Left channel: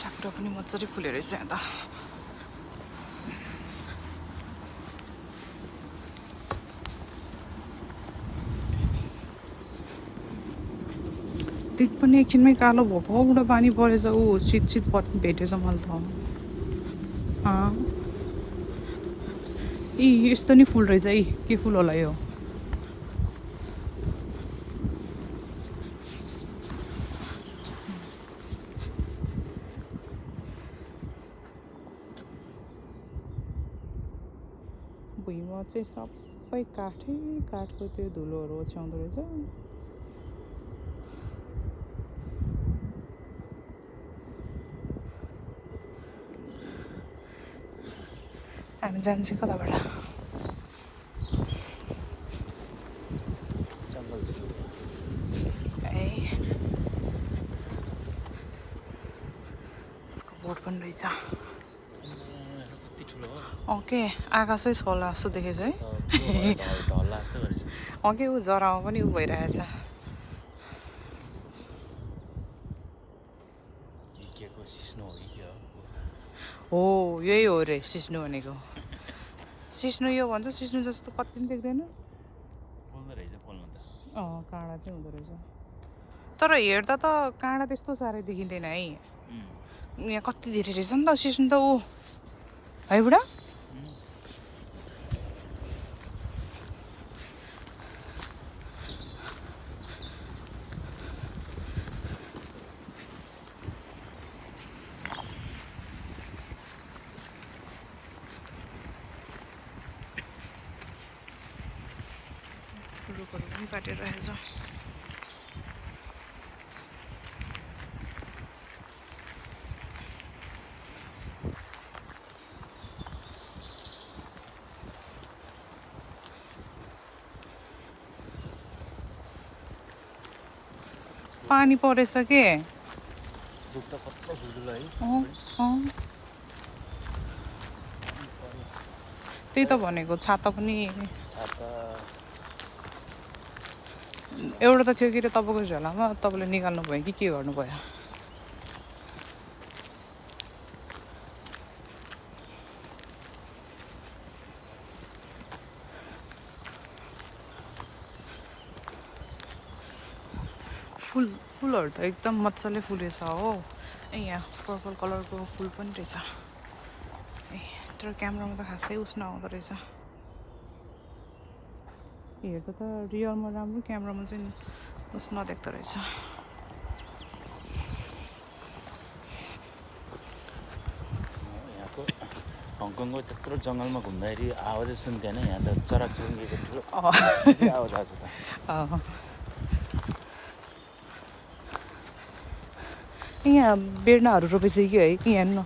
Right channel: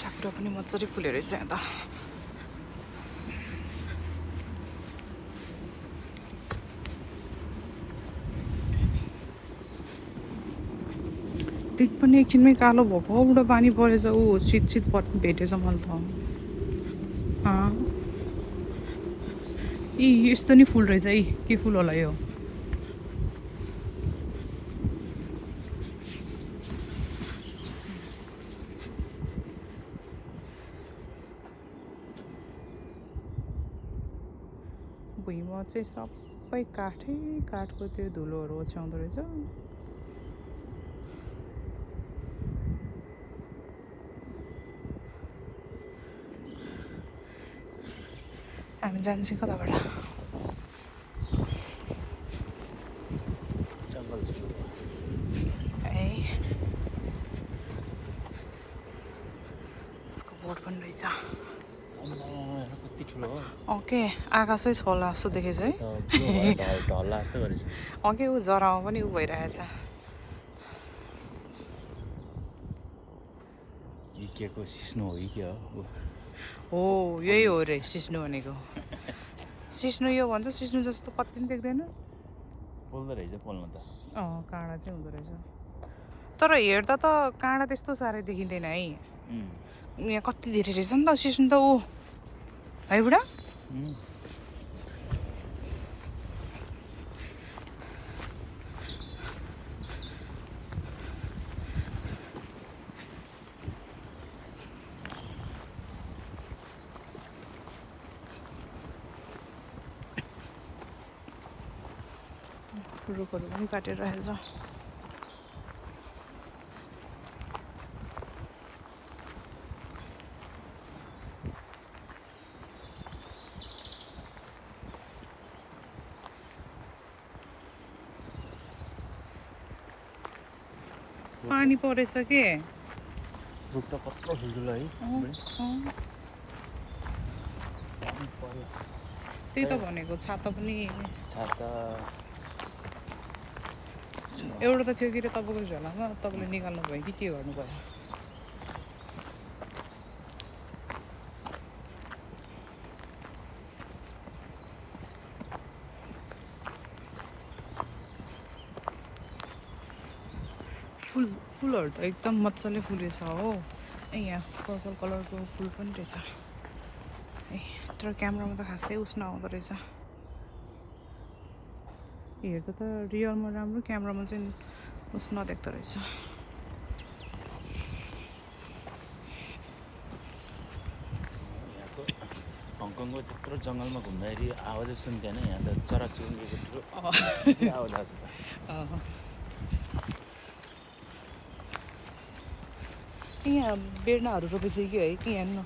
साकुरा पनि मजाले फुलेर रहेछ यहाँ त त्यति पनि एकछिनमै कालो भोकबाट पानी परेछ ऊ शीत भेटेछ मैले त यस्तो नि फुल रहेछ के फुल होला यो भुइँमा चाहिँ सबै काठको त्यो धुलोहरू ओछ्याउँदो रहेछ हामी जान्छौँ कताबाट है यसको बोर्ड पनि रहेछ ओके आकाशै छोला जस्तो देखेछ है ओके ऊ जरामा पनि ऊ भइरहेछ हो यही हो रे सिस्नु भनेको सिस्नु यो भन्छ सिस्नु जस्तो कति पनि देख्दैन काँडा चाहिँ हुँदो रहेछ तर हेर्दा त काँडा त्यस्तो साह्रै देखिँदैन है यहाँ कति धेरै रहेछ नि त सिस्नु त ऊ है बुढा रुखहरू पनि काटेर राखेको छ पानी परेछ के त्यही त भनेको छाता पनि एउटा त थियो कि तपाईँको झोलामा तपाईँले निकाल्नु भयो कि के गर्नु भयो फुलहरू त एकदम मजाले फुलेछ हो यहाँ पर्पल कलरको फुल पनि रहेछ ए तर क्यामेरामा त खासै उस नआउँदो रहेछ हेर्दा त रियलमा राम्रो क्यामेरामा चाहिँ उस नदेख्दो रहेछ हङकङको त्यत्रो जङ्गलमा घुम्दाखेरि आवाजै सुन्थेन यहाँ त चराचुरुङ्गीको ठुलो आवाज आउँछ त यहाँ बेर्नाहरू रोपेछ कि है कि यहाँ न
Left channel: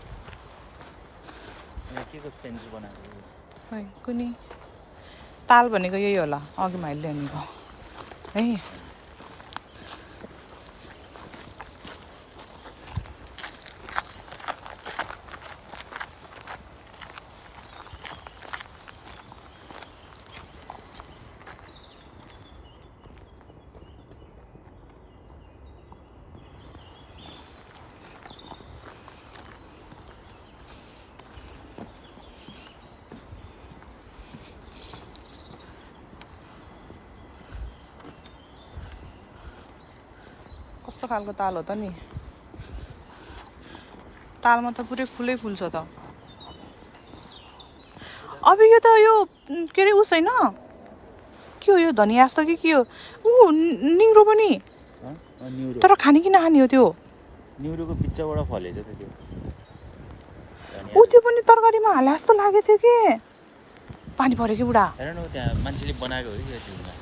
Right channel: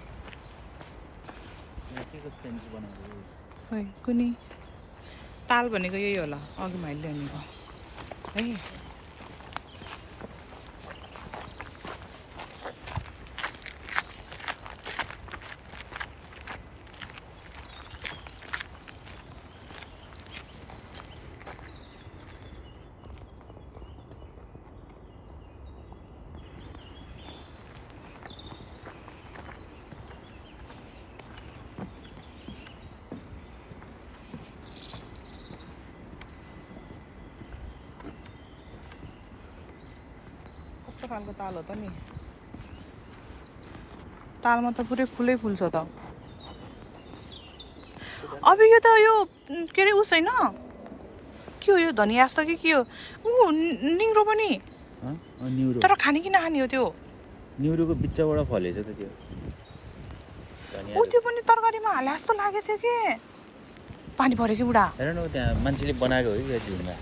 के फेन्स बनाएको है कुनै ताल भनेको यही होला अघि मैले भनेको है कस्तो खालको ताल हो त नि तालमा त पुरै फुलै फुल्छ त अब यो त यो के अरे उस होइन के हो यो धनिया जस्तो कि के हो ऊ निङ्रो पनि तर खाने कि नखाने हो त्यो निउरोको बिच्चाबाट फलेछ त त्यो ऊ त्यो पनि तरकारीमा हाला जस्तो लागेको थियो कि पानी पऱ्यो कि बुढा हेर न त्यहाँ मान्छेले बनाएको हो कि यो झिलमा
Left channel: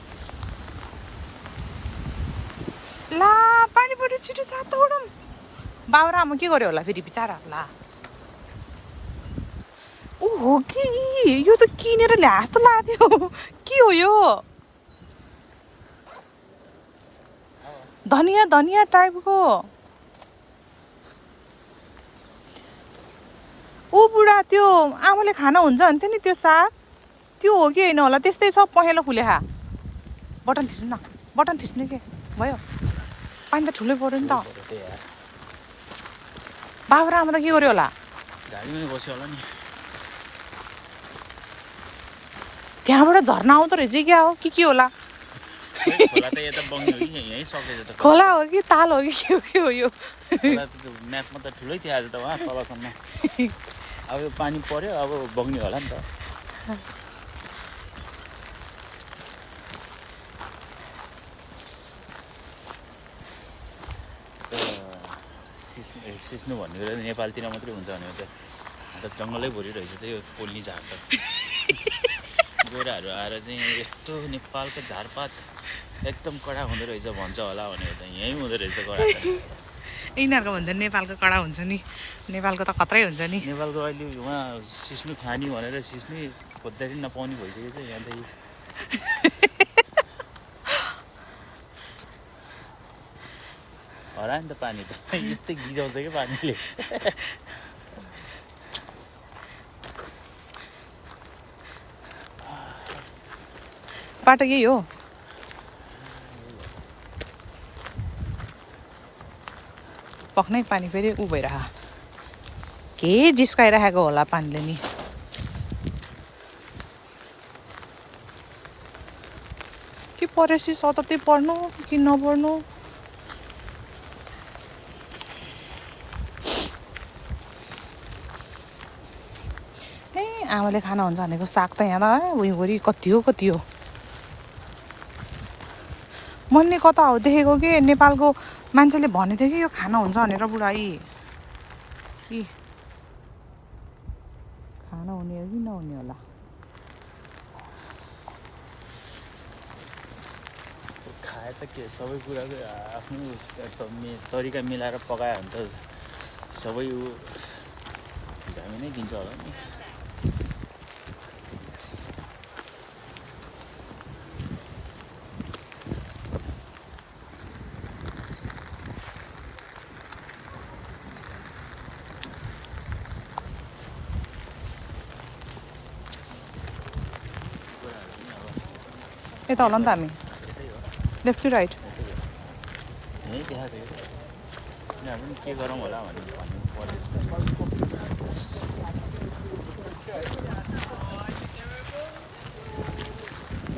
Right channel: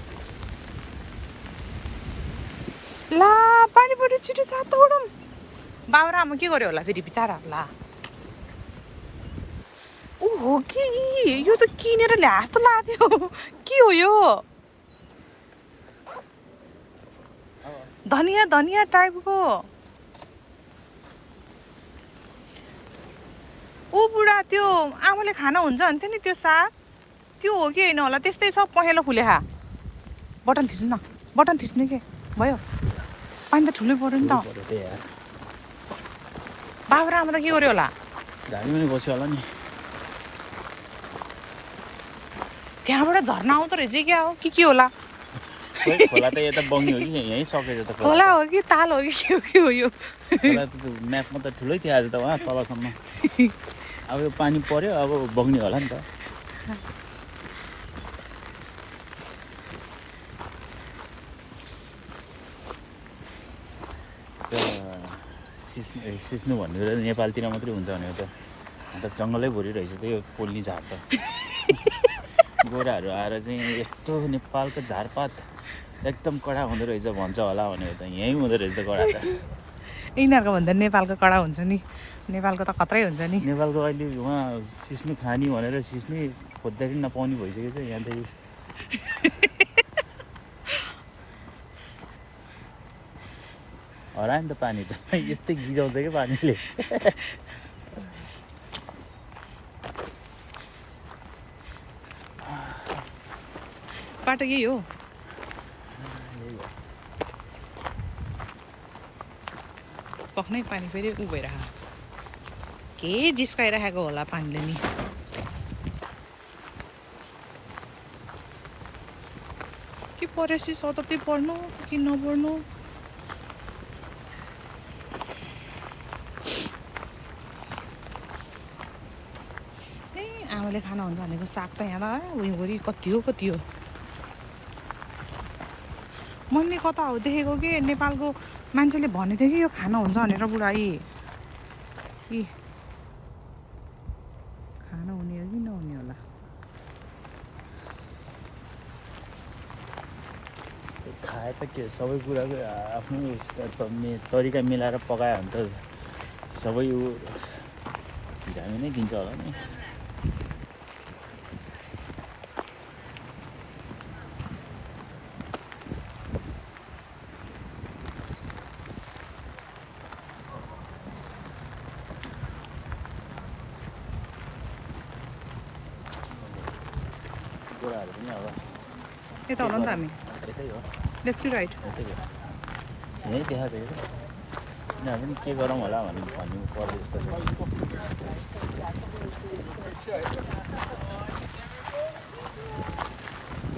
ला पानी पऱ्यो छिटो छातो उडौँ बाबा आमा के गर्यो होला फेरि बिचारा ला ऊ हो कि यो त किनेर ल्या जस्तो लाग्यो के हो यो धनिया धनिया टाइपको ऊ बुढा त्यो आमाले खाना हुन्छ भन्थ्यो नि त्यो साग त्यो हो कि होइन होला त्यस्तै छ पहेँलो फुले खा बटन थिच्नु न बटन थिच्नु के भयो पानी त ठुलै पऱ्यो नि त बाबा र आमा त के गर्यो होला गाडीमै बस्यो होला नि त्यहाँबाट झर्ना आउँदो रहेछ क्या हो के होला खोला त यता बग्ने हो कि यहीँ सकेछ त खोला हो कि ताल हो कि के हो यो खोला त म्यापमा त ठुलै थियो आज त उहाँ तलसम्म अब यो पानी पर्यो अब बग्ने होला नि त सिस्नु भन्ने कुरा नेपालतिर मात्रै हुन्छ भने त अन्त जङ्गलै भरि रहेछ त्यही पोल्नी झार त गोराहरू आएर चाहिँ यस्तो नेपालको झारपात एकदम कडा हुँदो रहेछ भन्छ होला भनेर त यहीँ हुँदो रहेछ कडा त यिनीहरूको भन्दा नेपालको कडा हुन्छ नि नेपालको त खत्रै हुन्छ नि नेपालको अहिले उहाँ सिस्नु खानी भनेर सिस्नु खोज्दाखेरि नपाउने भइसकेको छ यहाँ त हरायो नि त पानी त यस्तै गिजाउँछ क्या पानीले बाटो यही हो पक्नै पानी फेरि उ भइरह के जिस्काइराखेको होला पानीले नि के परेपछि सततै पढ्नु कि नपढ्नु ए आमाले खाना हुन्छ भनेको साग त यहाँ त उयोभरि कति हो मैले कता हो देखेको कि नेपालको मान्छेले भनेको थियो कि यो खाना हुन्छ भनेर बुढाई कि खाना हुने हो कि नहुने होला खाए त के सबै कुराको आफ्नो तरिका मिलाएर पकायो भने त सबै भिटामिन नै दिन्छ होला नि कुराहरू पनि अब यता होला नि त हामी यतै हो लेफ्ट टु राइट यतै हो यहीँ देखाएको छ कि यहाँ पनि के गरौँ होला भन्नु पर्ने जस्तो छ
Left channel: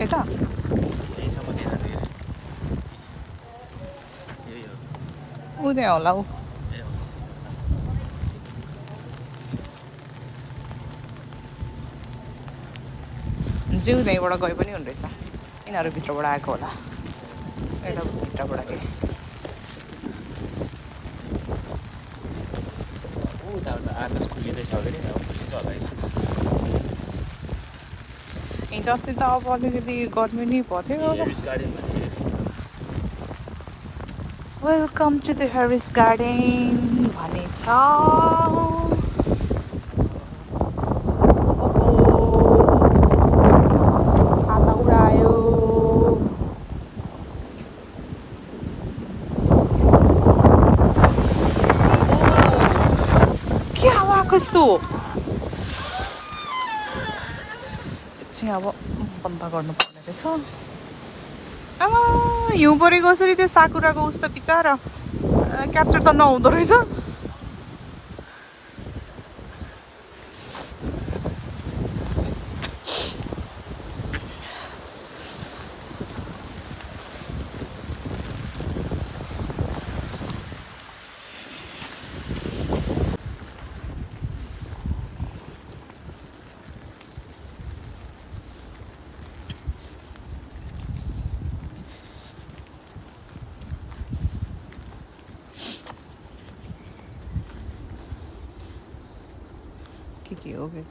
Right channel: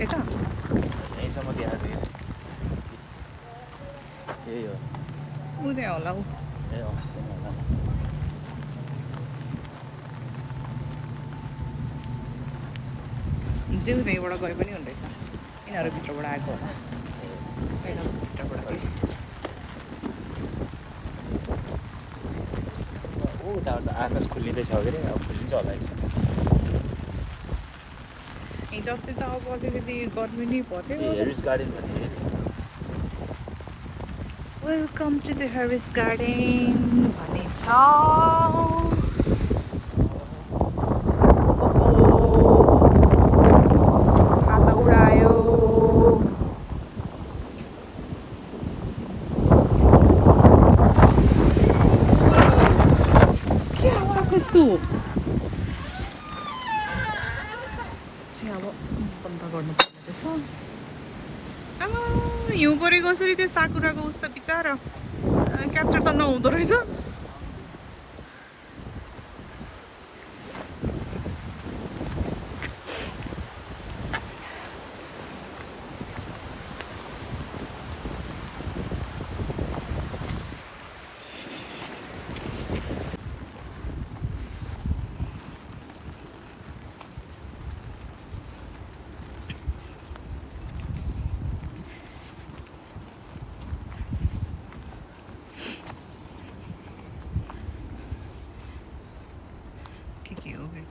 यता यहीँसम्म देखाएको यही हो ऊ त्यहाँ होला ऊ ए हो जिउ त्यहीँबाट गए पनि हुँदैछ यिनीहरू भित्रबाट आएको होला यता भित्रबाट चाहिँ उताबाट आकाश खुलिँदैछ अरे हिजो अस्ति त अब अलिकति गर्मी नै पर्थ्यो हेरिस गार्डन भन्ने welcome to the Harris Garden भनेको छ कस्तो चाहिँ अब बन्द गर्नुपर्ने रहेछ आमा हिउँ परेको कसरी त्यो साकुराको उस्तो बिचरा क्याप्चर त नहुँदो रहेछ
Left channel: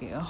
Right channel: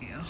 के हो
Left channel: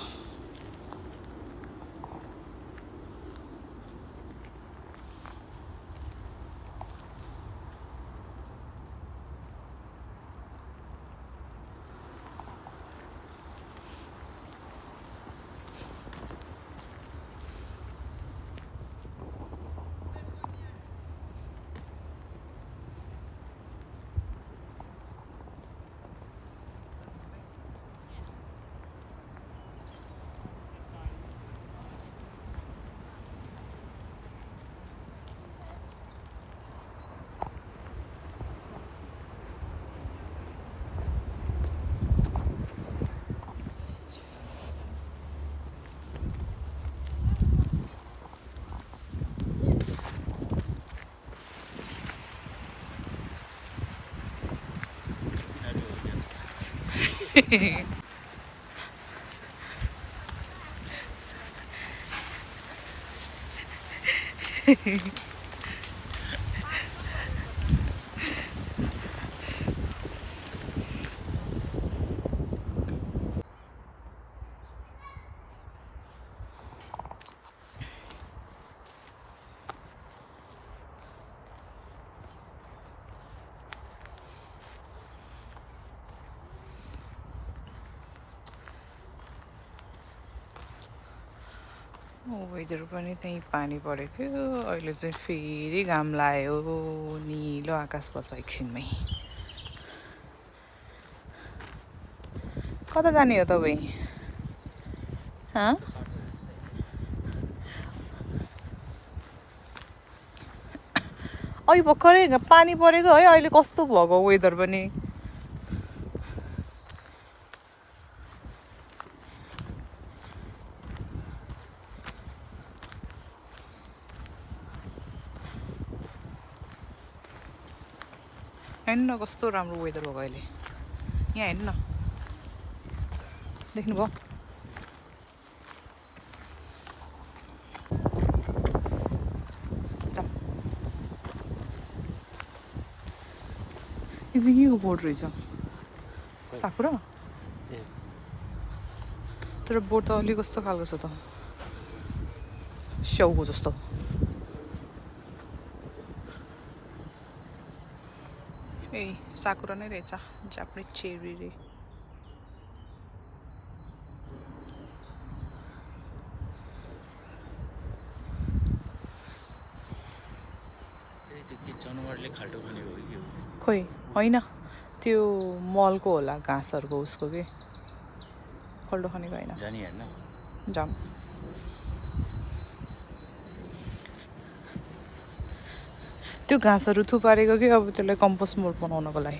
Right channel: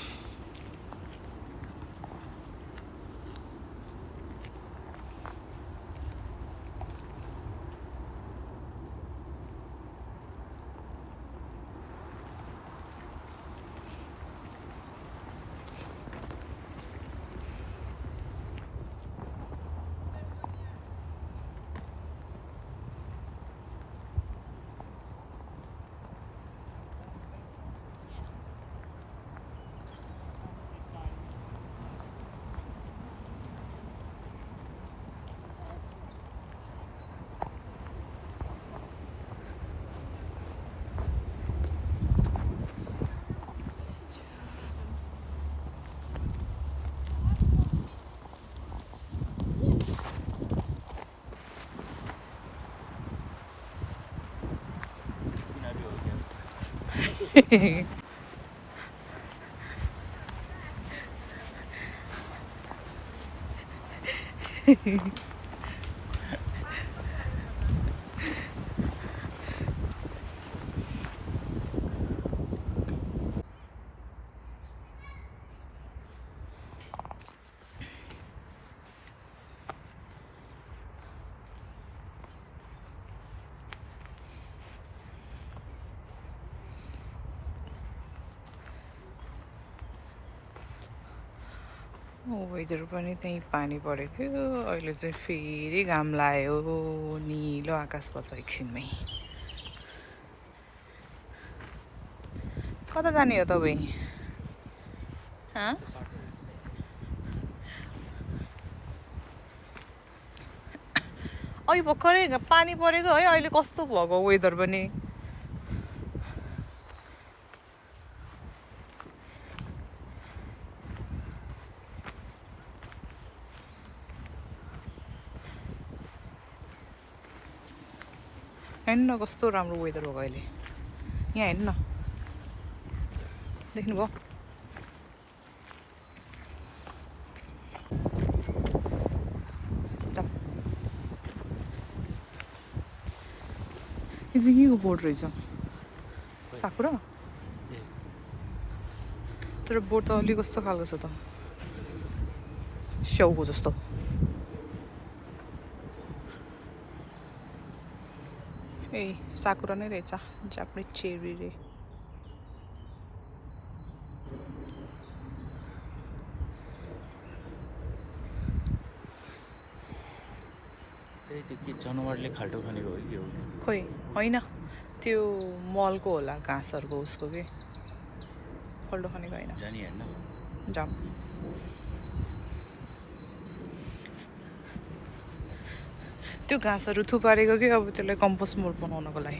वेदर पनि त्यहीँ पानी परेको थियो अहिले चाहिँ फेरि घाम लाग्यो निलो आकाश पर्छ एकछिनमै कता जाने हो तपाईँ अहिले भर्खरै पानी परेको है अहिले कस्तो भएको वेदर पनि हेर्नु न कस्तो राम्रो वेदर भएको अहिले यहाँ हेर्नु न देख्नुभयो यो चाहिँ के को बोट रहेछ साकुरा तर बोट त अलिक कस्तो खालको छ त स्याउको जस्तो ए साकुरा नै रहेछ जापानिज चेरी रे जनावरले खाल्टो खाने हो कि हो खोइ होइन त्यो मलको होला घाँसहरूको उसको के खाल्टो खानेको होइन जानी हेर्नु जाम त्यो घाँसहरू थुपारेको कि अब त्यसलाई कम्पोस्ट मोड बनाउनको लागि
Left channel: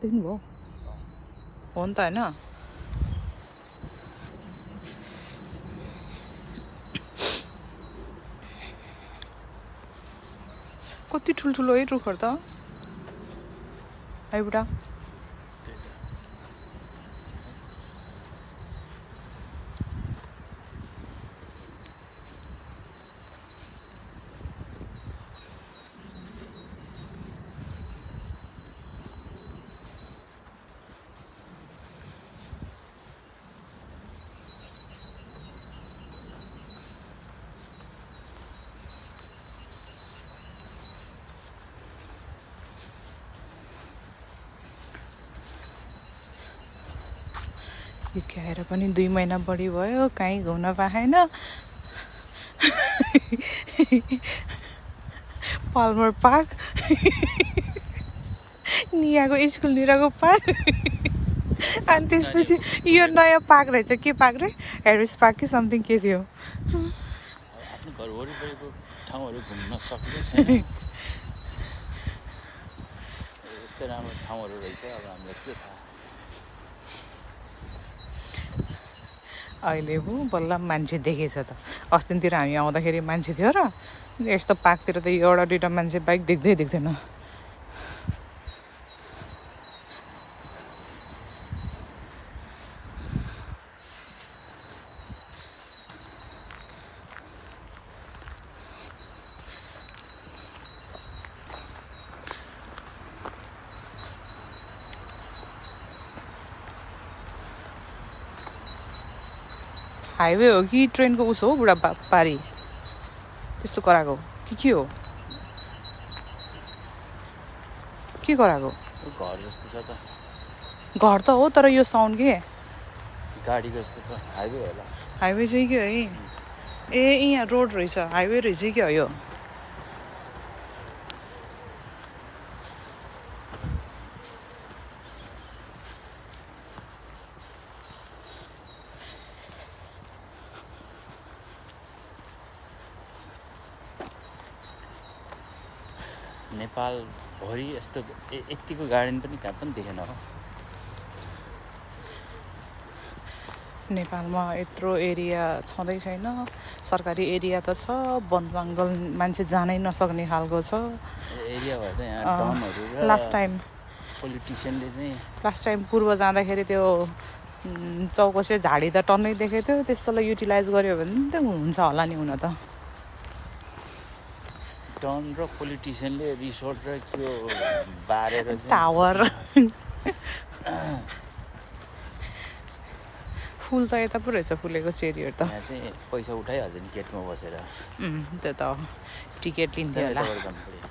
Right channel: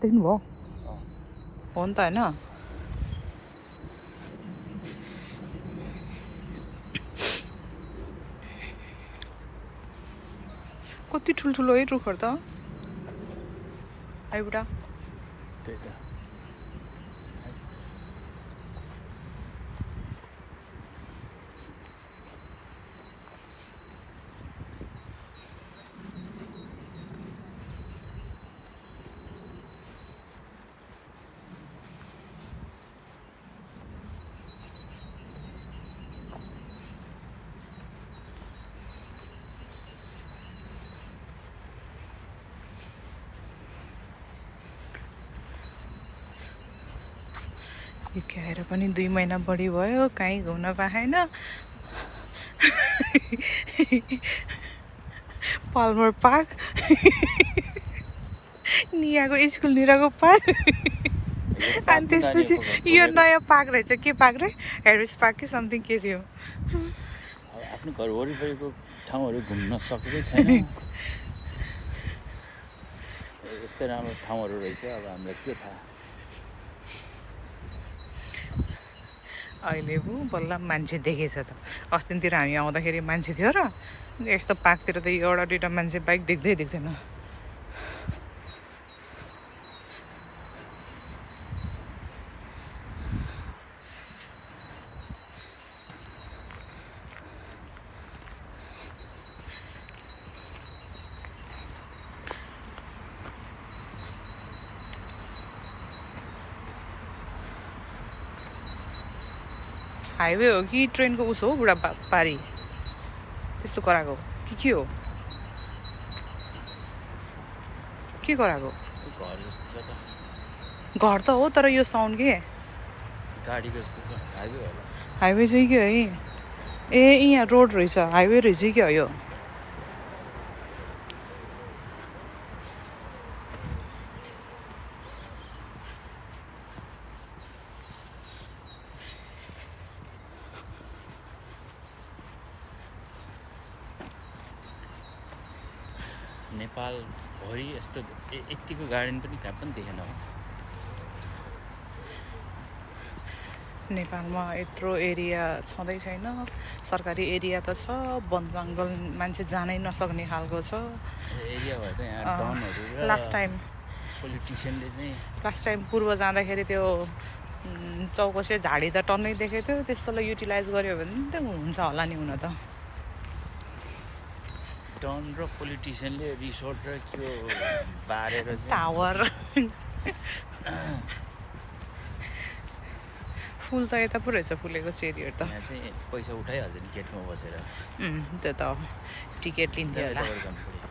देख्नुभयो हो नि त होइन कति ठुल्ठुलो है रुखहरू त आइबुढा हिर्की आएर पनि 2 महिना बढी भयो कहीँ घुम्न पाएन पाल्मर पार्क नियाको स्कुल निरको पार्क अनि त्यसपछि यो नयाँ पार्क रहेछ के पार्क रे हेरिस पार्क कि समथिङ के थियो आफ्नो घर वरिपरिको ठाउँहरू घुम्न सकेकै छैन यस्तै राम्रो ठाउँहरू रहेछ अब हामीलाई के थाहा अहिले पो बल्ल मान्छे देखेछ त अस्तितिर हामी आउँदाखेरि मान्छे थियो र यस्तो पार्कतिर त एउटा दुईवटा मान्छे बाइक देख्दैन हाइवे हो कि ट्रेनको उस हो बुढा पारी त्यस्तो कराएको के हो के कराएको घर जस्तो छ त घर त हो तर यो साउन्ड के गाडीको जस्तो छ हाइवे होला हाइवे चाहिँ के है ए यहाँ रोड रहेछ हाइवे रहेछ के हो यो नेपाल भरि यस्तो यतिको गार्डन पनि कहाँ पनि देखेन हो नेपालमा यत्रो एरिया छँदै छैन सरकारी एरिया त छ वन जङ्गल मान्छे जानै नसक्ने खालको छ एरिया भएर चाहिँ यहाँ डनहरू र लास्ट पोलिटिसियनले चाहिँ टाइम पूर्व जाँदाखेरि त्यो चौकसे झाडी त टन्नै देखेको थियो त्यस्तोलाई युटिलाइज गर्यो भने त हुन्छ होला नि हुन त डन र पोलिटिसियनले रिसोर्ट र त्यो बारेर चाहिँ टावर फुल त यता पो रहेछ फुलेको चेरीहरू त यहाँ चाहिँ पैसा उठाइहाल्छ नि गेटमा बसेर त्यो त टिकट लिन्थ्यो होला यताबाट जानु पर्यो।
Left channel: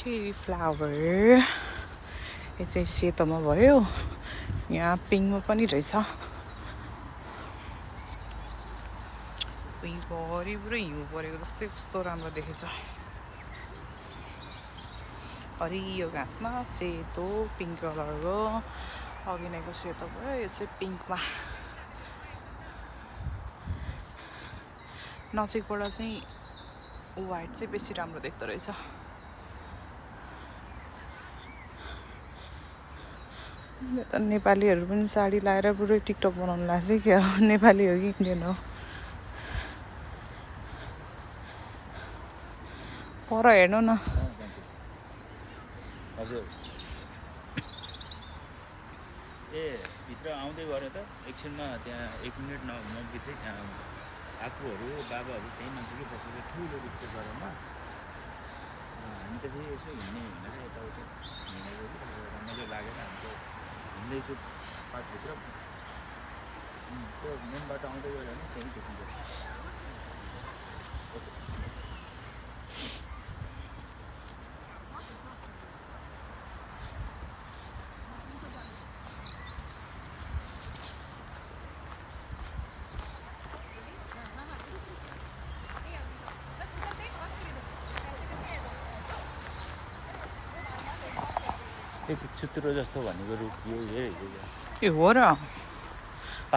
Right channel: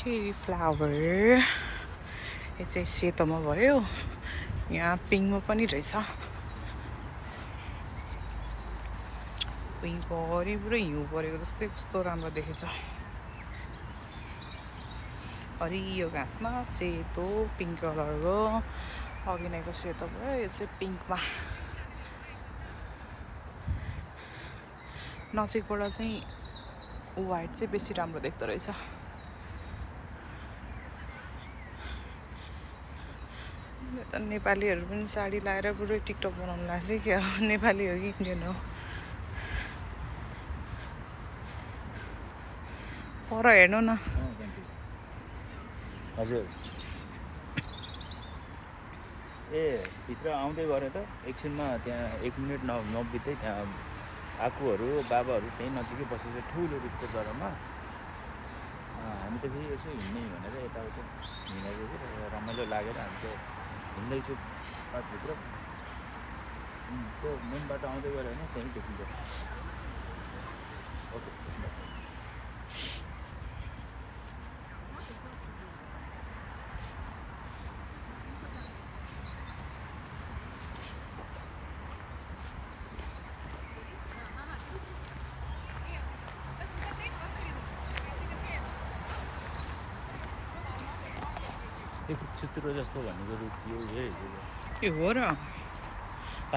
चेरी फ्लावर यो चाहिँ सेतोमा भयो यहाँ पिङमा पनि रहेछ भरिपुरै हिउँ परेको जस्तै कस्तो राम्रो देखेछ हरियो घाँसमा सेतो पिङ्क कलरको अघि नैको सेतो भयो यो चाहिँ पिङ्कमा नजिकबाट चाहिँ वाइट चाहिँ बेसी राम्रो देख्दो रहेछ त नेपालीहरू पनि साडी लाएर पुरै टिकटक बनाउनु लाग्छ क्या नेपाली हो कि इन्डियन हो पर हेर्नु न हजुर ए भित्र आउँदै गरे त एकछिनमा त्यहाँ 1 मिनट नबित्दै त्यहाँ आफूहरू बाबाहरू त्यहीँ नजिकै बसेको ठुलो रुखको जरामा हामी त फेरि यसो हिँड्ने भनेर यताउता हिँडेको कि रमाइलो लागेर हामी चाहिँ हिँड्दैछु पार्कभित्र त्यो मेन बाटो आउँदै गऱ्यो भने त्यहीँ देखिन्छ ओके चित्रो जस्तो भनेको रुख यो ए हो र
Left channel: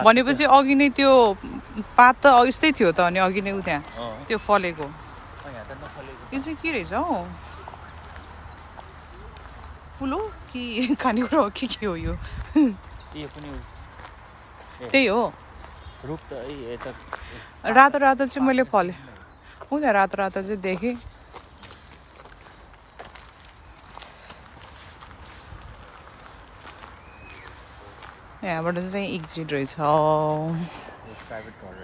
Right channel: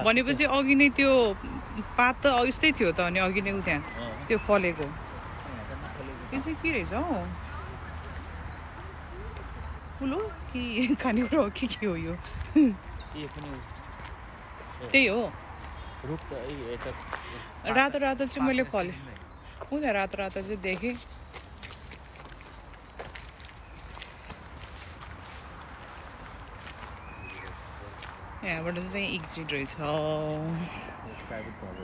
भनेपछि अघि नै त्यो पात त यस्तै थियो त अनि अघि नै उ त्यहाँ त्यो फलेको यो चाहिँ के रहेछ हौ फुल हो कि खानेकुरा हो कि के हो यो त्यही हो रुख त यता रातो रातो चाहिँ मैले फले उ त्यहाँ रातो रातो चाहिँ देखेँ यहाँबाट चाहिँ एक्जिट रहेछ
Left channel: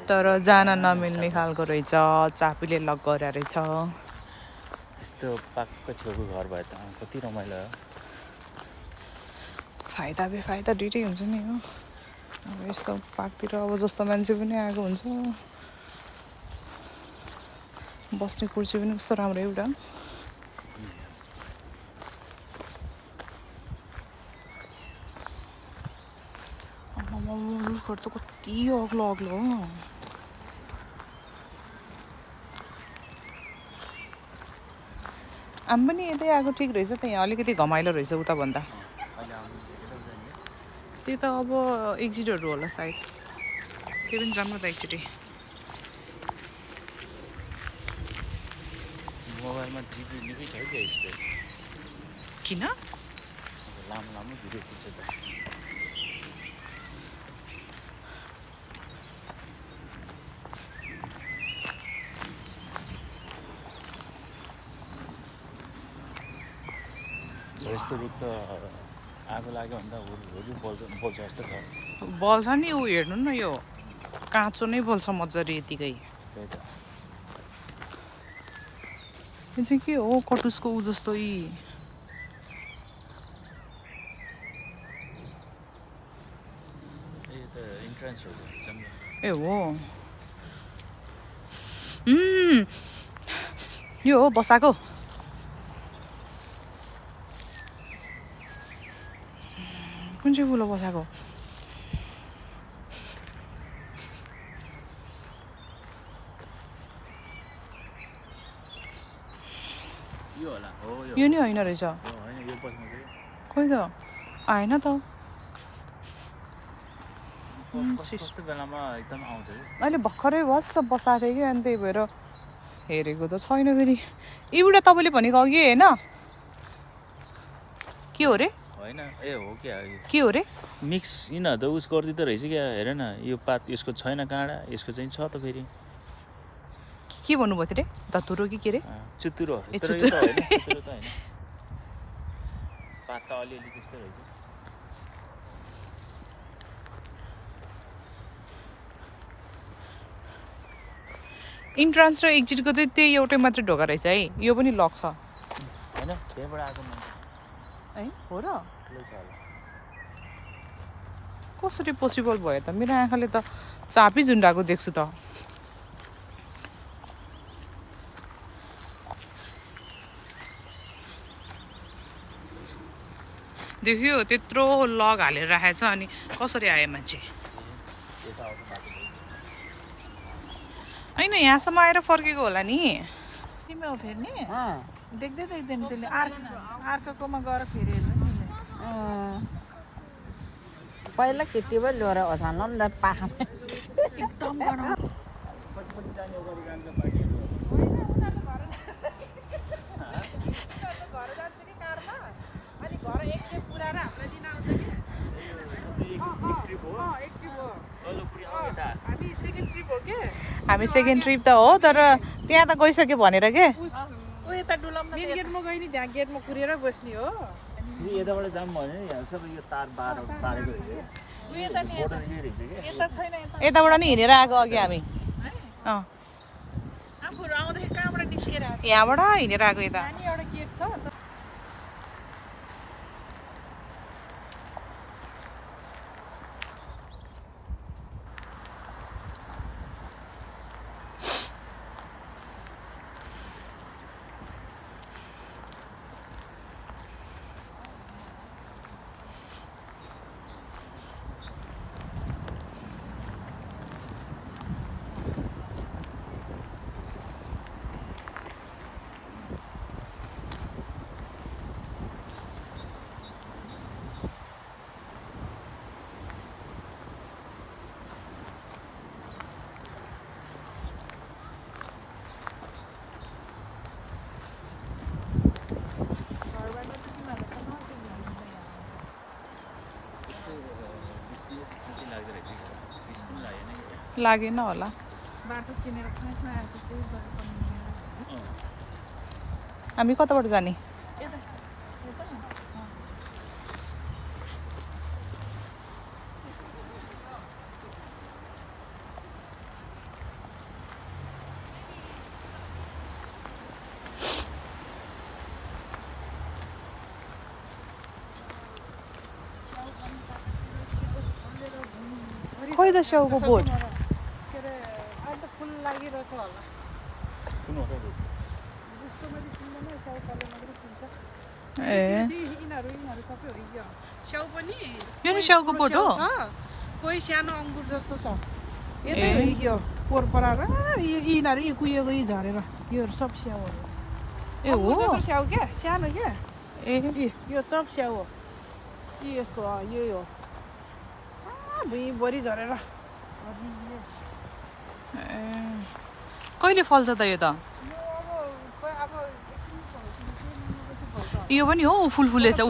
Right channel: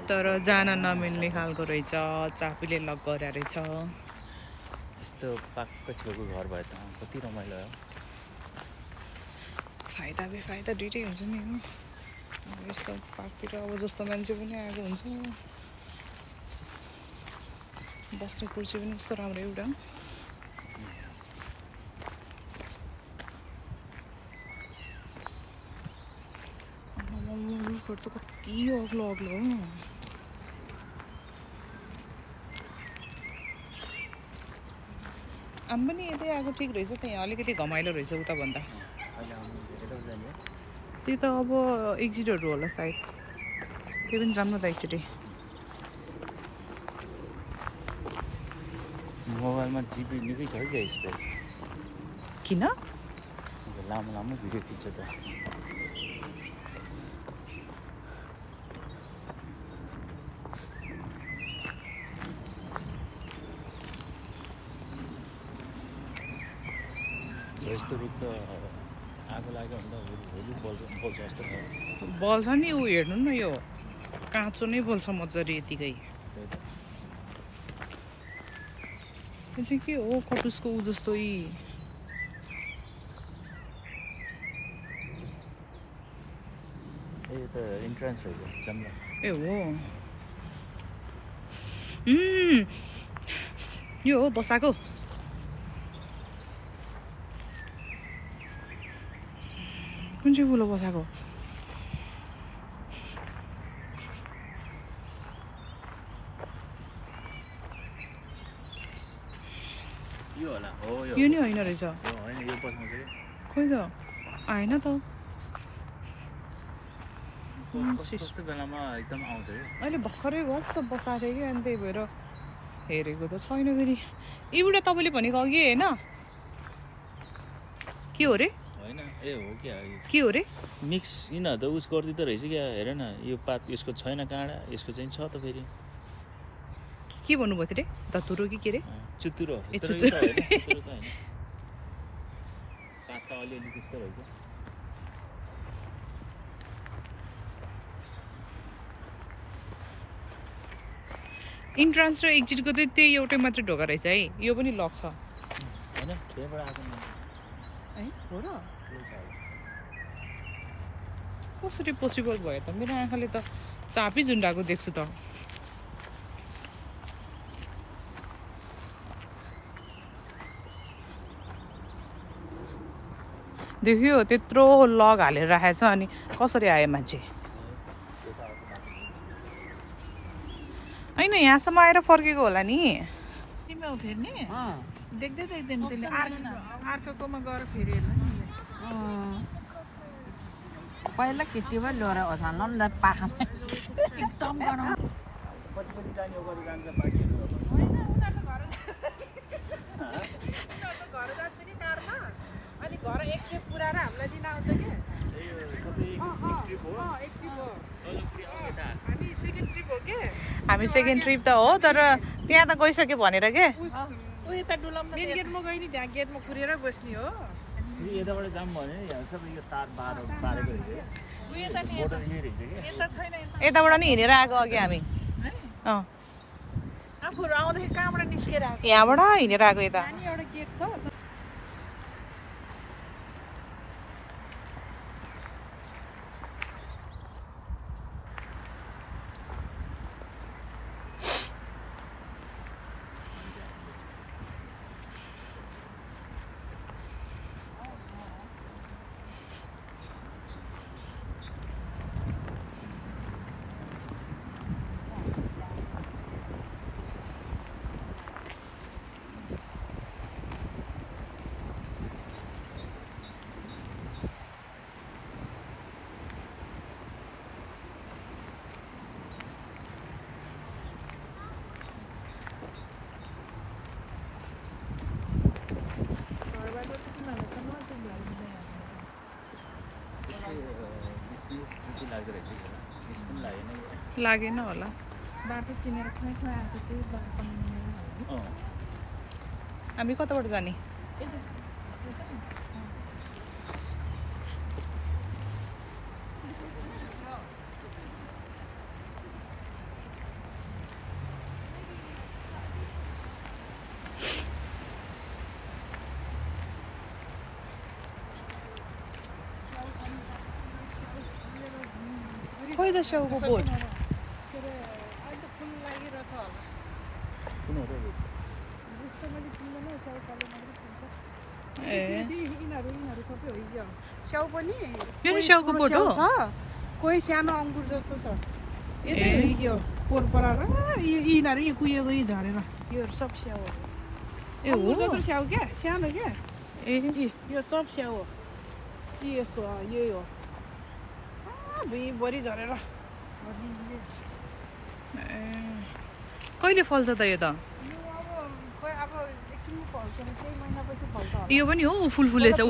तर जान नमिल्ने खालको रहेछ चापीले लक गरेर रहेछ यस्तो पाक्क छेउको घर भए त कति रमाइलो हो फाइदा बेफाइदा दुइटै हुन्छ नि हो यस्तो पार्कतिर अब जस्तो मान्छे पनि आएको हुन्छ बस्ने कुर्सी पनि कस्तो राम्रो एउटा रुखहरू त कति अग्लो अग्लो हो आम पनि यतै आएको ठिक रहेछ त यहाँ अलिकति घमाइलो रहेछ उता भन्दा त्यो त अब एक्जिटहरू होला सायद त्यो पनि जानु त एकचोटि मोबाइलमा जिबी निकै छ हौ यसको किन लामो लामो भिडियो खिच्छ त यस्तो देख्दा आगो लाग्यो भन्दा होली बोल्छ जस्तो छ बल्छ नि ऊ हेर्नु न यो काँचो नै बोल्छ मजाले यतिकै यो चाहिँ के हो कटुसको ऊ जस्तो यी त इन्ट्रान्स हो जम्ला ए हो यो हो बसाको कुन चाहिँ फुल हो बसाको यो होला हो यो नि होइन रहेछ यो होइन यो बसाउँछ कि खोइ त आएन त कस्तो बेलामा एकदम आउँछ कि अहिले भर्खरै बस्छ बसाएको थियो कि अनि त्यही भएर हेरेको त छैन फेरि एउटा तपाईँले भनेको अघि होइन के हो रे होइन ए हो क्या के हो रे मिक्स किन त उस गरिदिँदो रहेछ क्या हेर न यो पात यसको छैन काँडा यसको चाहिँ छ त फेरि के भन्नुभएको थियो रे धतुरो कि के रे चुतुरो ए, तर यो चुतुरो। त होइन चुतुरो त होइन पात त अलिअलि त्यस्तो रहेछ इन्ट्रान्स र एक्जिटको चाहिँ त्यही एउटै मात्रै ढोका रहेछ है यो पनि लक छ होइन त्यहीँबाट आएको है हो र ठुलै छ होला कसरी पोसिबल भयो त मेरो आँखाले त चापी झुन्डाएको देख्छु त देख्यो त्यत्रो लग हालेर राखेको छ अनि कसरी आयो मान्छे होइन यहाँसम्म आएर फर्केको होला नि देख्दै देख्दैन त्यसले अर्कोकोमा गएर फेरि हेर्नु नि पहिला केटी पनि लिएर ओछाल्नु नि त पाखामा एकदम गरम हामी सेकेन्ड ट्रिप त हो तर त्यहाँ त गइसक्यो भनेर के गेटमा कुरेर बस्ने हो यताबाट जाम भने यहाँ सबै यो तार बारेको रहेछ कि यताबाट नि हिँडेर आएको अघि हामी यहाँबाट हिँडेर आएको यता लागेन होला बाटो चिनेर हामी कताबाट जाने खोइ त स्याउको बोट स्याउ पनि यो नि स्याउको बोट हो कोही सानो अङ्गुर जस्तो छ यो पोहोर पराएर यिनीहरू यी कुहिएको यी झरेर योहरू सब स्याउ हो ए हो स्याउ क्या सानो क्या ए यो सब स्याउ हो यी यसको यो हो भुइँभरि झरेर कहिले फल्छ त यो त यो पनि हो ऊ फुल फुलेछ ऊ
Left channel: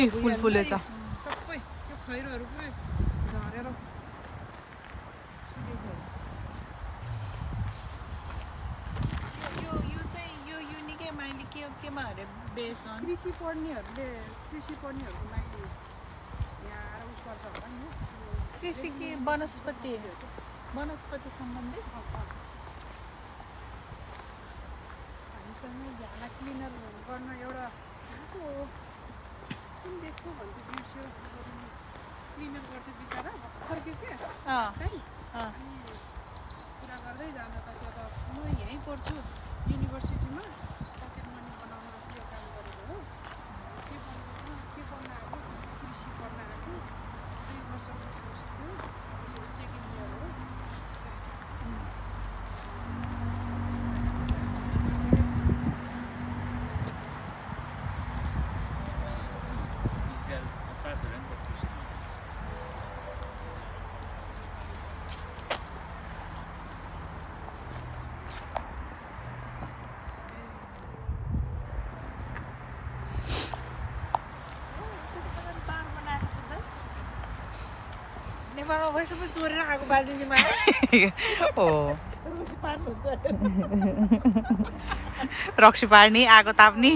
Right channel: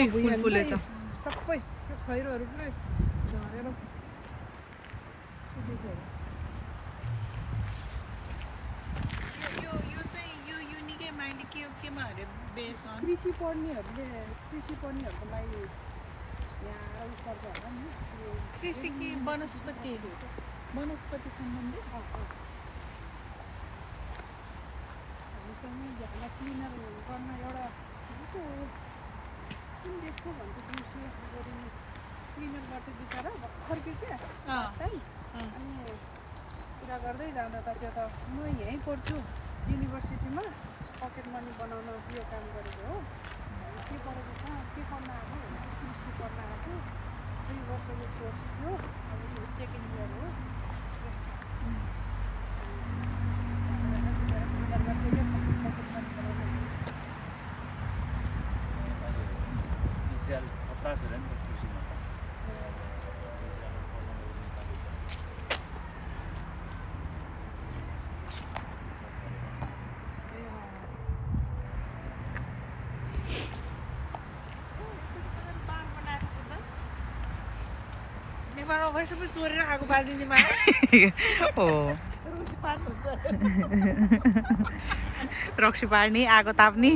ए फुल फुलेछ सबै यो खैरोहरू पुरै झरेर सुकेको यो चाहिँ यो युनिकै माइली केमा अरे बेस कृषि पढ्नेहरूको लागि यहाँ उस पर्छ होला नि कृषि कि वनस्पति सम्बन्धी हामीसँग झ्याला क्लिनर गर्न एउटा को कुन देशको भन्छ दिउँसो गरिने क्लिनर गर्थ्यो बिचरा भर्खर क्या अनि कुरा गर्दै जाँदा त त्यो त म यहीँ पढ्छु युनिभर्सिटीमा पकेट मनी बनाउन के काम गरेको हो के पढेको के पढ्न आएको कृषि पढ्न आएको 2 वर्षको कोर्स थियो सेकेन्ड इयर हो बाबा भैँसुको चोरेर आगो बालिदिने मा हो रुसी पार्नुहुन्छ रक्सी पार्ने आगो ताप्ने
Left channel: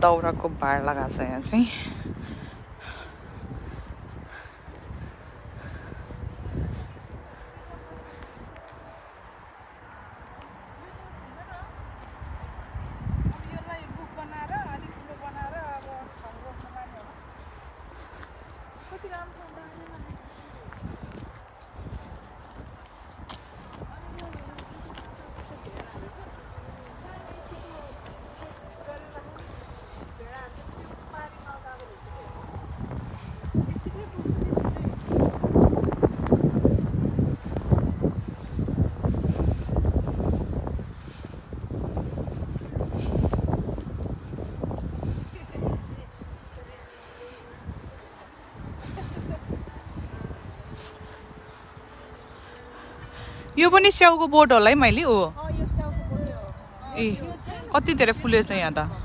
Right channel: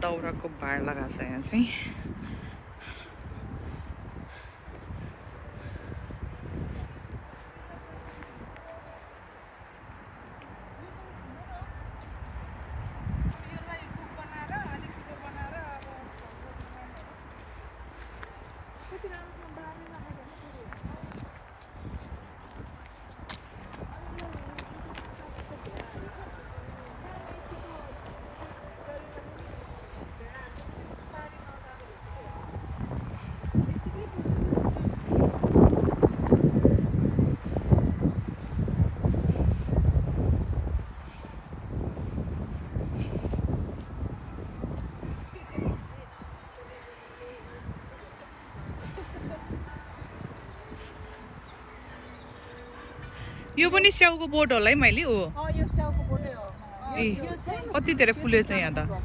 दाउराको भार लगाएको छ यहाँ चाहिँ यो पनि स्याउको बोट होला है मैले हो ए कति धेरै फुलेछ यहाँ त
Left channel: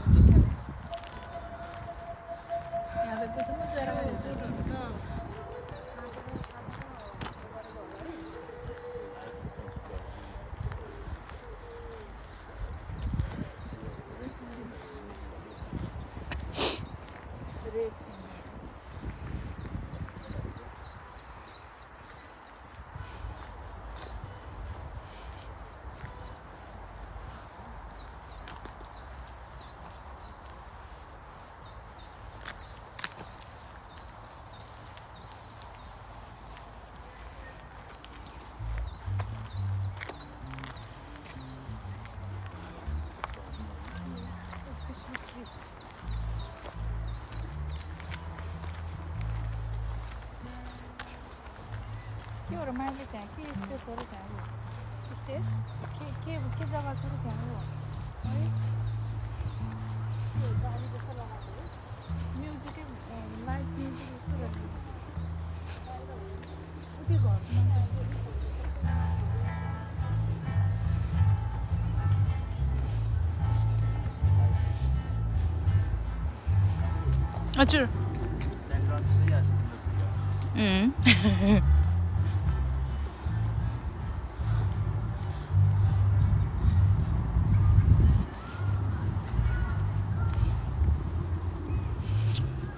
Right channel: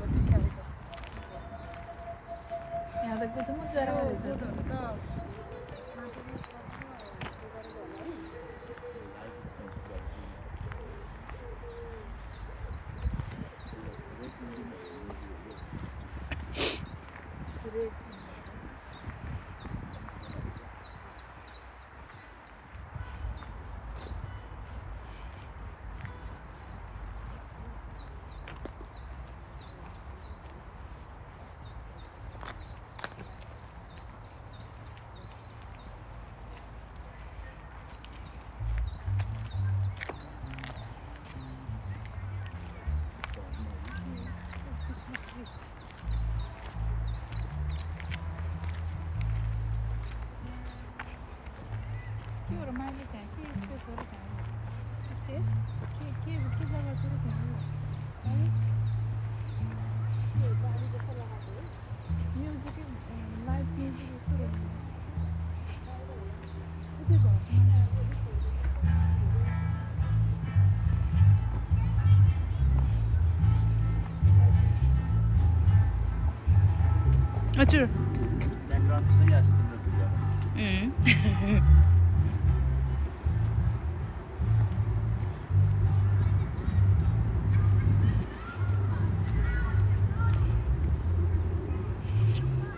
हजुर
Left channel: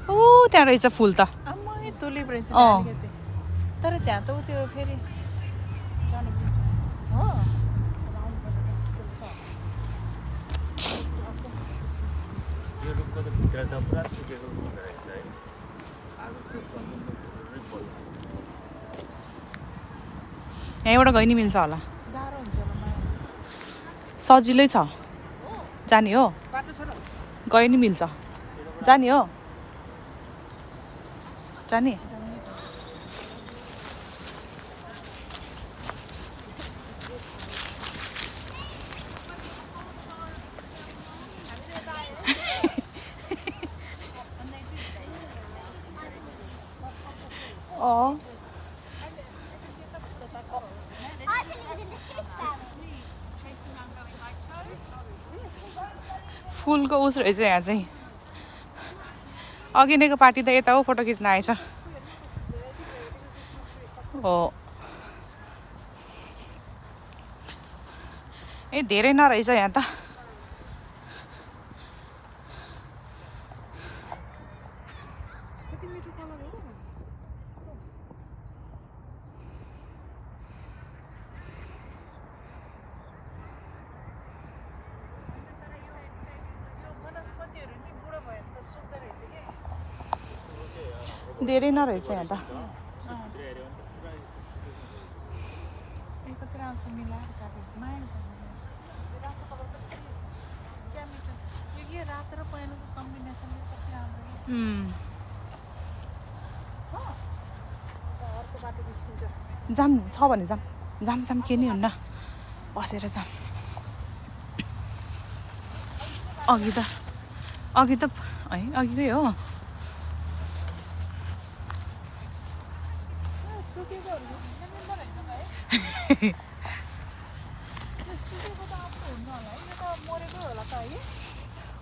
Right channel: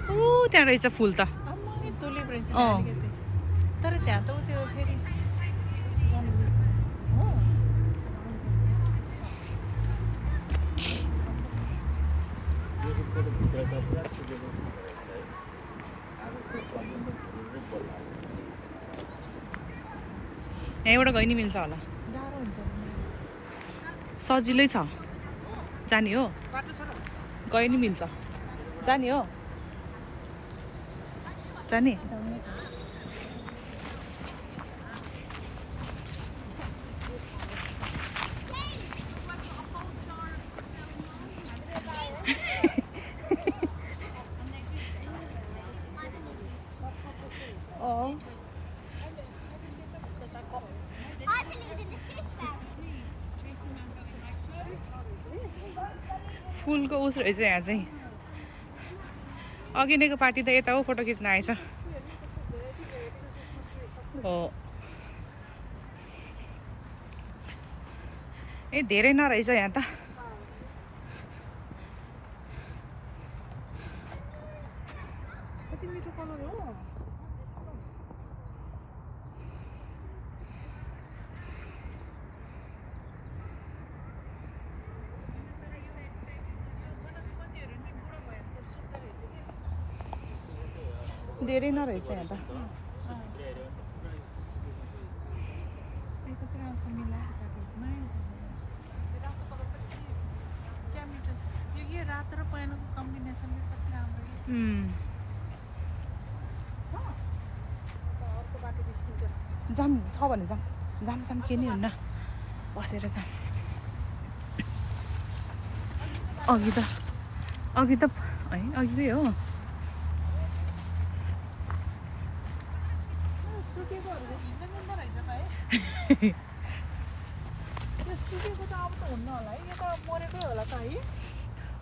ओ त्यहाँ रहेछ फुल त तुलिप रहेछ अँ तर त्यहाँ त उ त्यो फेरि जानु मिल्छ हो यो रुखको त भित्र त पुरा सुकेको आगो समुद्र बल्ला यहाँबाट गइ नि मिल्छ होला गाह्रो हुन्छ माया सजिलै छ जाने हो बाटो छ न गइ नि मिल्छ जाने हो जाने फुलको उस रहेछ यहाँ चाहिँ अघि नैको पार्टी त यता हो फोटो खिच्न आएछ हो ए धेरै नरहेछ यहाँ त कति मिठो कलर हो धेरै नरहेछ यहाँ त रातो र पहेँलोको कम्बिनेसन कति राम्रो अर्को बाटो निस्किन्छ जाम छ भने जाम जाम जाम के नि हुन्न बसेर जाम अघि त है अघिकै हो सुकेकोहरू मिल्दो रहेछ त है सुकेको त अब त हुन्न होला है यो त मरेकै होला त है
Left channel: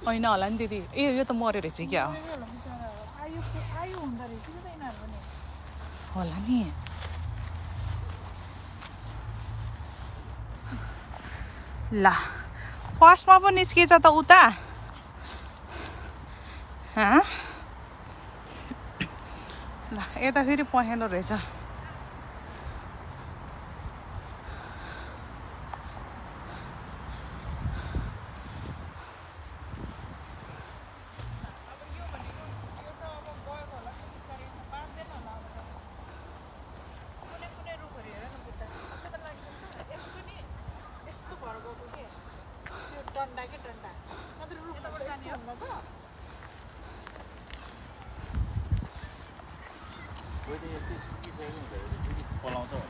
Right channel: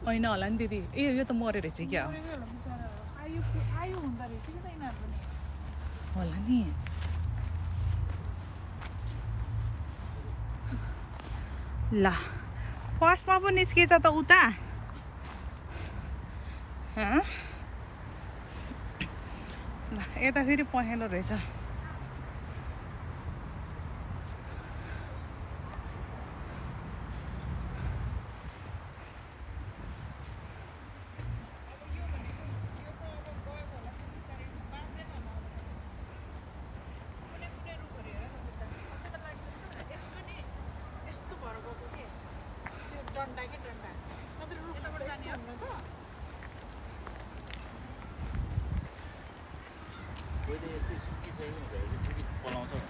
होइन होला नि दिदी ए यो त मऱ्यो रहेछ क्या मरेकै होला बिचरा आयु हुँदो रहेछ कि त यिनीहरूको नि होला नि ल फर्स्टमा पो निस्किएछ त उता ल यता फेरि पहेँलो रहेछ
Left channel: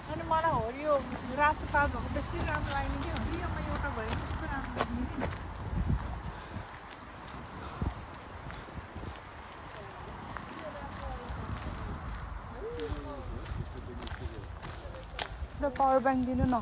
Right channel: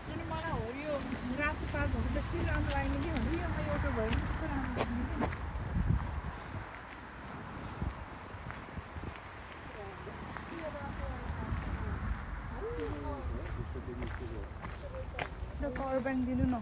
अनि मलाई हो यो रातो तातो बेसी राम्रो लाग्ने कि हो योमा एउटा भयो कस्तो राम्रो लाग्ने कि पावर ब्याङ्क दिनु न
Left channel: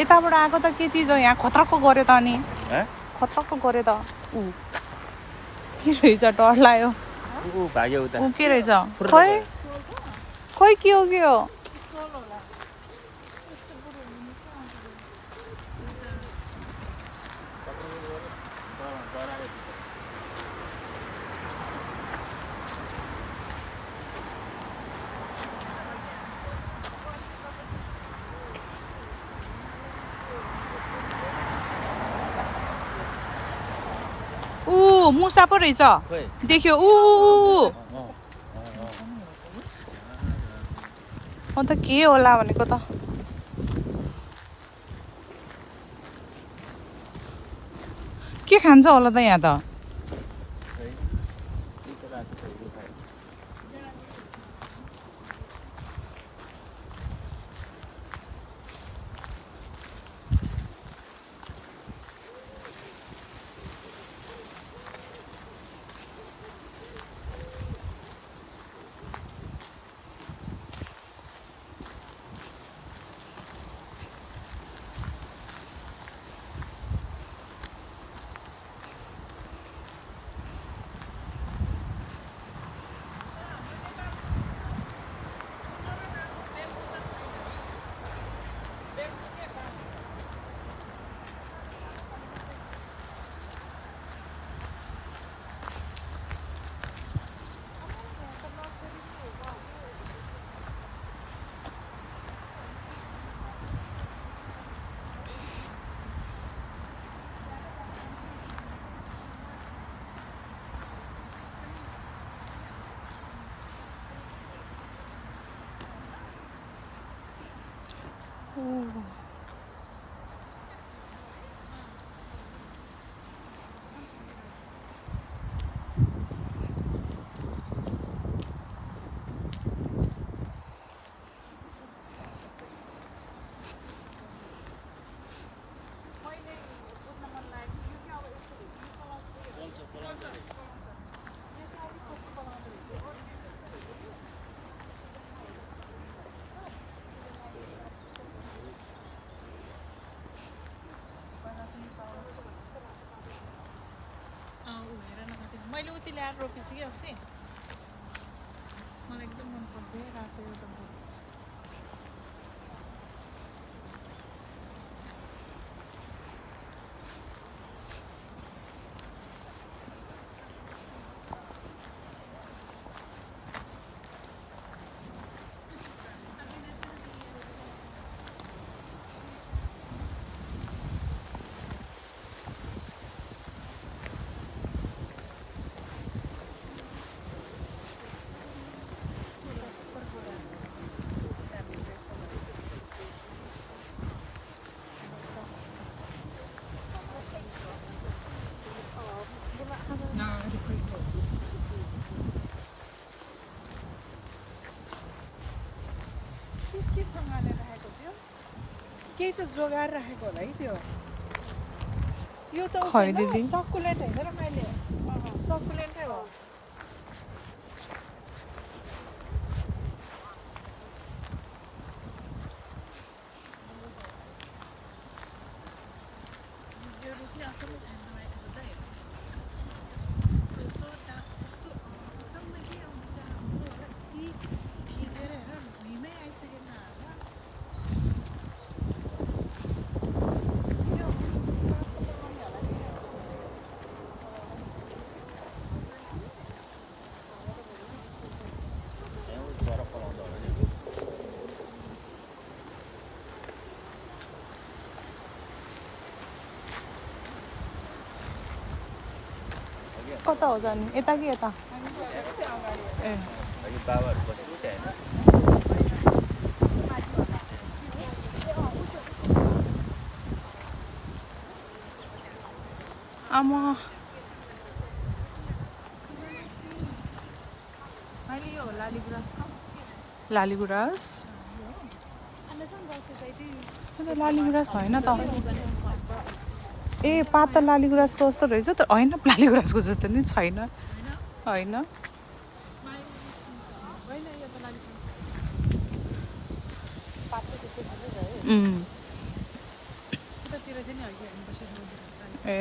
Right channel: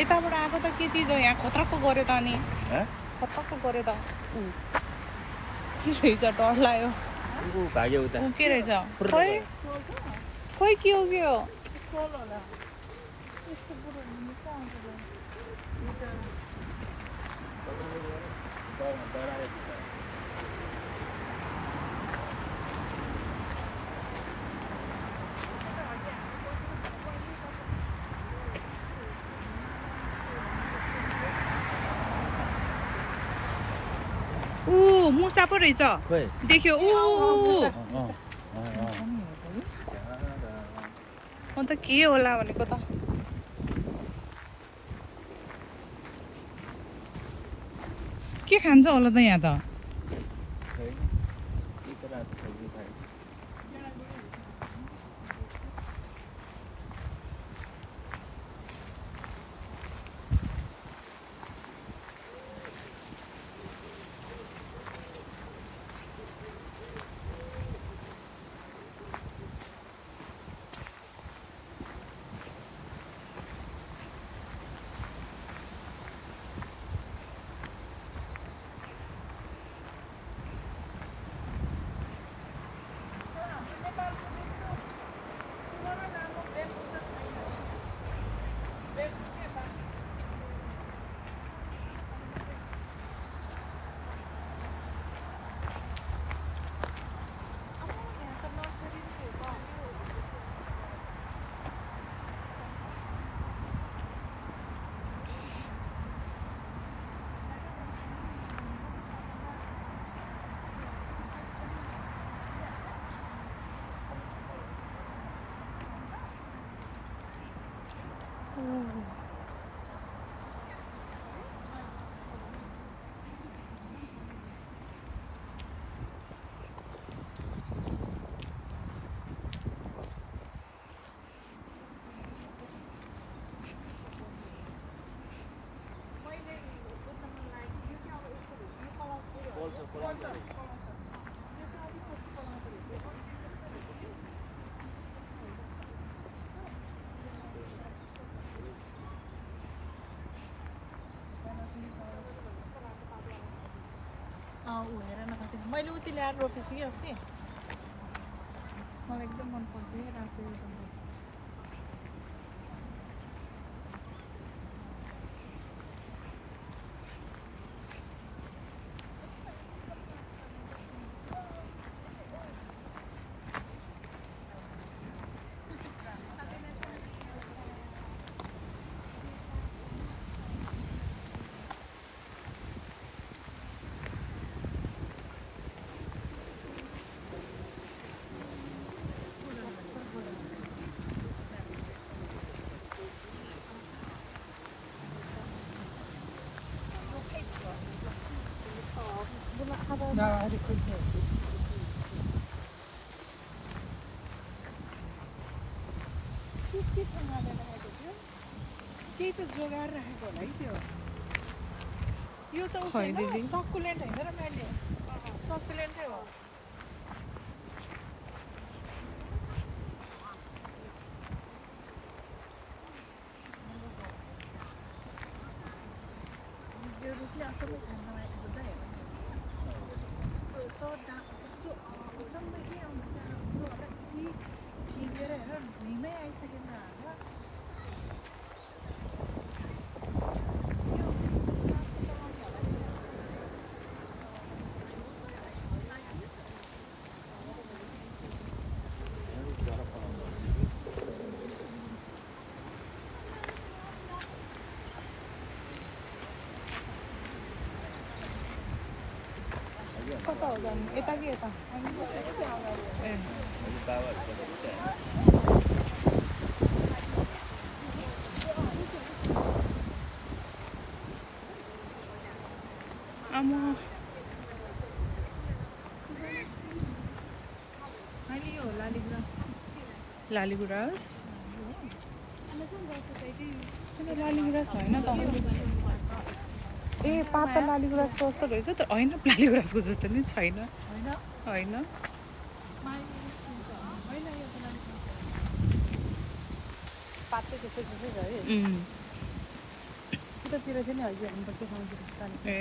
यताबाट आएको त के चिज हो यहाँ खतरको गऱ्यो त अनि खतरको गऱ्यो त के रहेछ डर लाग्यो ऊ के रहेछ खोइ खोइ के हो स्टल होला यस्तो बुढो हुनु के आउँछ ऊ मुसा पो रहेछ देख्यो ऊ अन्त के होला भनेको त के खान्छ होला त यहाँ त उडेर नखाएको मैले उति ल्याएर रोपेछु कि अस्ति मलाई एकदम मनपर्छ है रातो एउटा बोट के सम्हालेर राखेको थियो केही त जोगाएर राखेको होला है त्यो यो त सकुलेन्ट होइन र मैले सकुलेन्टै हो यो रुखले अचम्म छैन लगाएको त हेर कस्तो अचम्म के आउँदैछ हाम्रो कति भिजेर हेर भुइँमै आइसकेछ होला कता हो जाने यता कि यता ए बाबाहरू बसेको त्यहाँ आमा अनि यो लालीगुराँस लालीगुराँस होइन त ए पातल लालीगुराँसको जस्तो रहेछ त होइन लालीगुराँसको जस्तो नि छैन होइन ए